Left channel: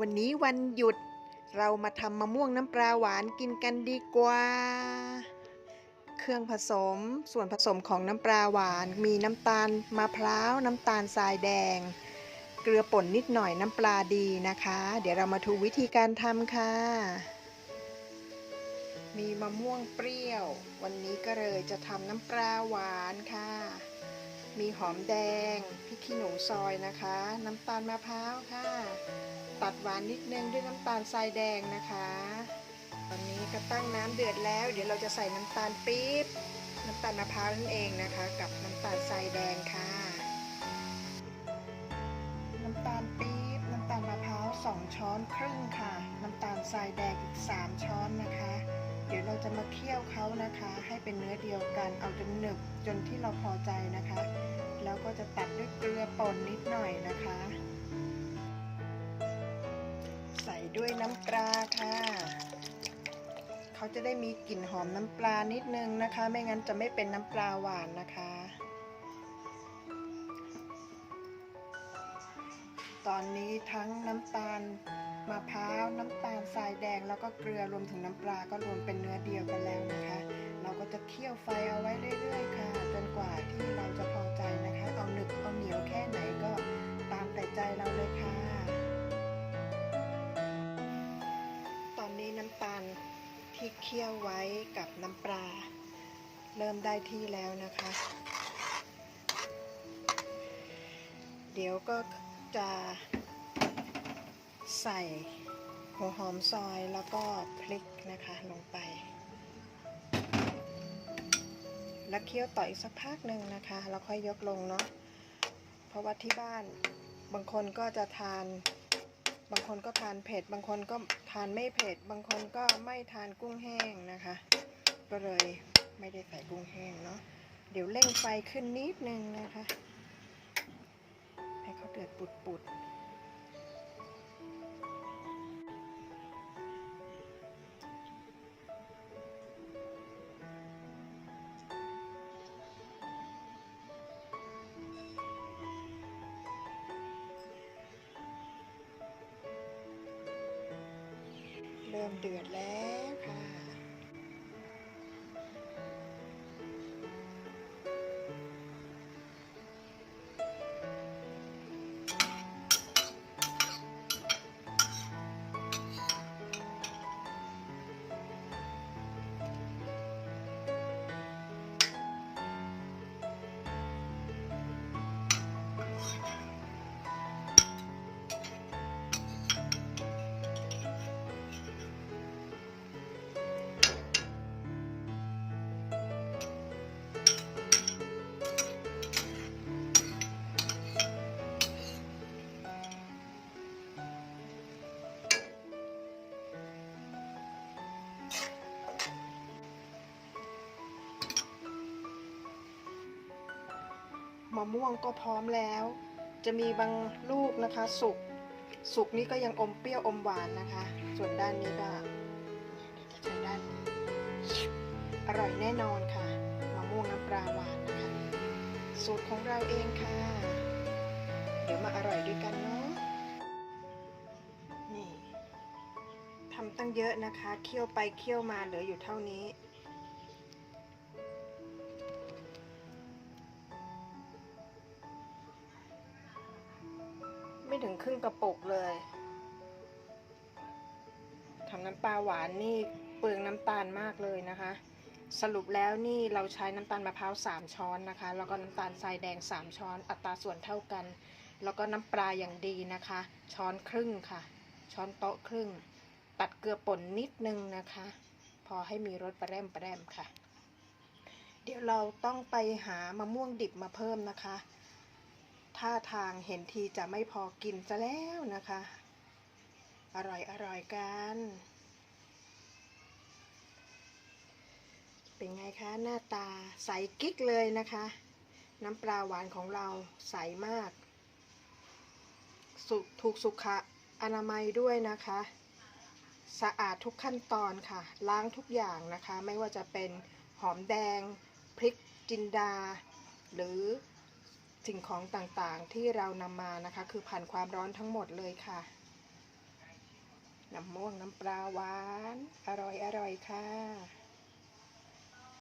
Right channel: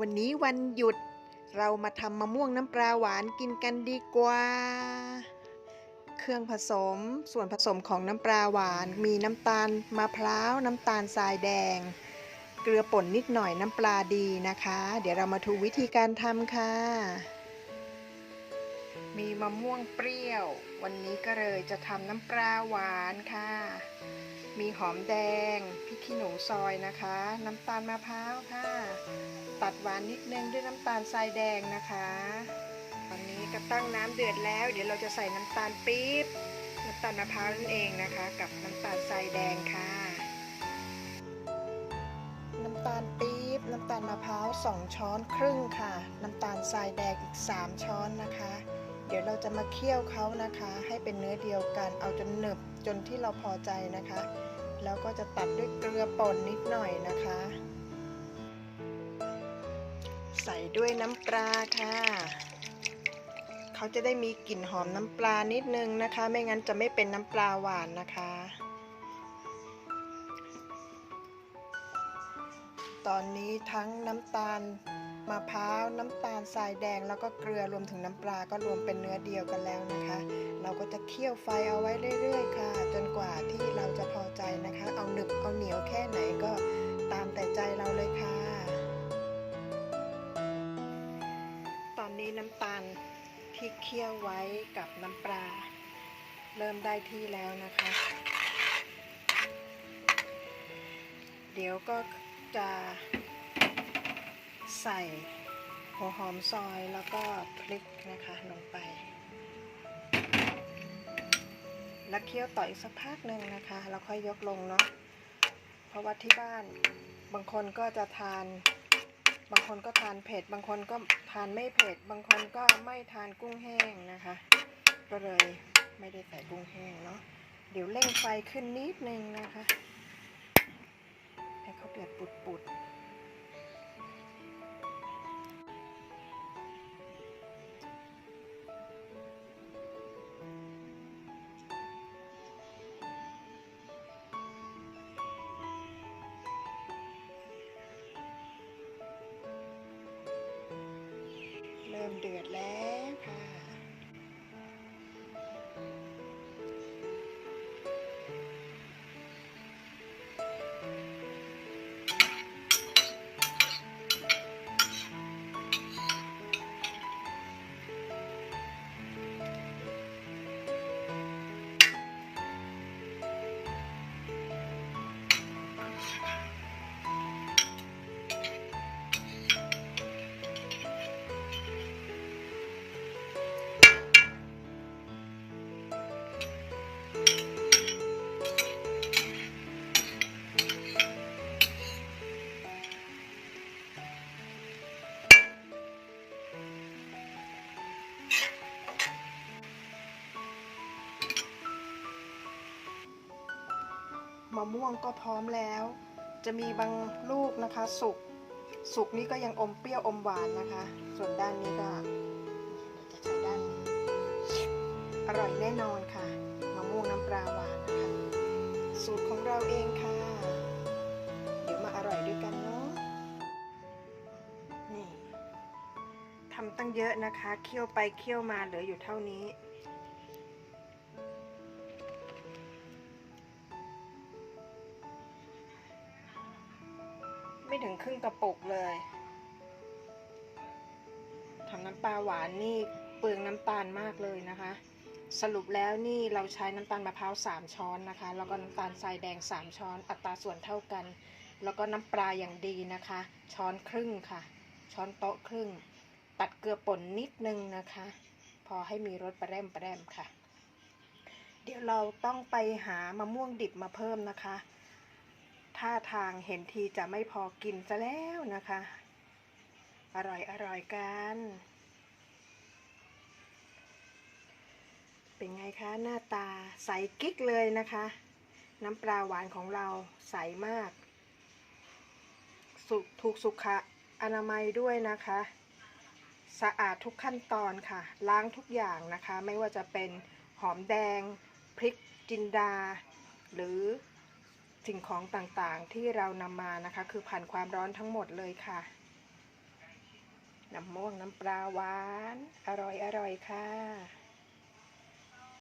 วันนี้วันหยุด เรามาทำมะม่วงน้ำปลาหวานกินกันดีกว่า เครื่องผสม ส่วนผสมของน้ำปลาหวาน มีน้ำตาลมะพร้าวน้ำตาลทรายแดง เกลือป่นนิดหน่อยน้ำปลาดีนะคะ เดี๋ยวเรามาดูวิธีการทำค่ะ มีมะม่วงเปรี้ยว วันนี้ก็เลยจะทำน้ำปลาหวานค่ะ มีหอมแดงพริกขี้หนูซอยนะคะ น้ำตาลมะพร้าวค่ะ ตัดหวานนิดนึงด้วยน้ำตาลทรายแดงนะคะ ตอนนี้ก็ตั้งน้ำเดือดแล้ว เดี๋ยวเราจะใส่น้ำตาลปี๊บน้ำตาลมะพร้าวนั่นเองนะคะ กับน้ำตาลทรายแดงค่ะ น้ำตาลปี๊บน้ำตาลมะพร้าว2ช้อนครึ่งค่ะ น้ำตาลทรายแดงอีก 3 ช้อนนะคะ เดี๋ยวเราจะมาเคี่ยวเขานะคะ ให้เป็นเนื้อเดียวกันเอาจนหนึบจนที่เราพอใจนะคะ แล้วก็จะตัดด้วยเกลือป่นนิดหน่อยนะคะ ด้วยน้ำปลาค่ะ เขาจะได้มีกลิ่นหอมน้ำปลานิดนึงนะคะ ไม่งั้นจะไม่เป็นน้ำปลาหวานนะคะ ตอนนี้ทั้งน้ำตาลมะพร้าวน้ำตาลทรายแดงแล้วก็เกลือรวมถึงน้ำปลาก็รวมเป็นเนื้อเดียวกันแล้วนะคะ เราก็จะเคี่ยวไฟเอาไว้เรื่อย ๆ ค่ะ จนกว่าที่เราจะพอใจนะคะ ที่เคี่ยวไว้กับน้ำปลา เริ่มได้ที่แล้วนะคะ เดี๋ยวก็จะใส่หัวหอมซอยแล้วก็พริกนะคะลงไป แล้วเคี่ยวต่ออีกสักพักหนึ่งนะคะแล้วค่อยยกลงเนาะเพราะว่าที่บ้านบางคนก็จะทาน บางคนก็ทานเผ็ด บางคนก็ทานไม่เผ็ด บางคนก็ไม่ทานกุ้งแห้งนะคะ ก็เลยไม่ได้ใส่กุ้งแห้งเนาะ เดี๋ยวเร่งไฟขึ้นนิดนึงนะคะ ให้เขาเดือดปุดๆ เริ่มเดือดแล้วค่ะ มะม่วงก็พร้อมแล้ว จะมีบางลูกนะคะ สุกสุกนี้ก็ยังอมเปรี้ยวอมหวานนะคะ ส่วนด้านนี้ก็เดี๋ยวจะใช้ด้านนี้อร่อยแน่นอนค่ะมะม่วงน้ำปลาหวานนะคะ สูตรของเราเองค่ะ เดี๋ยวมาอร่อยด้วยกันเนาะนี่ทำตั้งเยอะนะคะ เคี่ยวไปเคี่ยวมาเหลืออยู่เท่านี้ ไม่ถึงครึ่งกระปุกเลยทำน้ำปลาหวานนี่เปลืองน้ำตาลมากเลยนะคะ สรุปแล้วนี่เราใช้น้ำตาลมะพร้าว3ช้อนนะคะ แล้วก็น้ำตาลทรายแดง 3 ช้อน อัตราส่วนเท่ากัน แล้วก็น้ำปลาอย่างดีนะคะ ช้อนครึ่งค่ะ ช้อนโต๊ะครึ่ง ตัดเกลือป่นนิดนึงนะคะ พอให้มีรสประแรมประแรมค่ะ เดี๋ยวเราต้องไปหามะม่วงดิบมาเพิ่มนะคะ ท่าทางเห็นทีจะไม่พอกินซะแล้วนะคะ อร่อยอร่อยกัน เป็นไงคะหน้าตาใสกิ๊กเลยนะคะ น้ำปลาหวานของเราใสมาก สุถูกสุขอนามัยด้วยนะคะ สะอาดทุกขั้นตอนค่ะ ล้างทุกอย่างนะคะ ไม่ว่าจะเป็นหอมแดง พริกจินดา หรือ สิ่งของต่างๆที่เรานำมานะคะ คือผ่านความร้อนทั้งหมดเลยค่ะ น้ำม่วงน้ำปลาหวาน อร่อยอร่อยค่ะ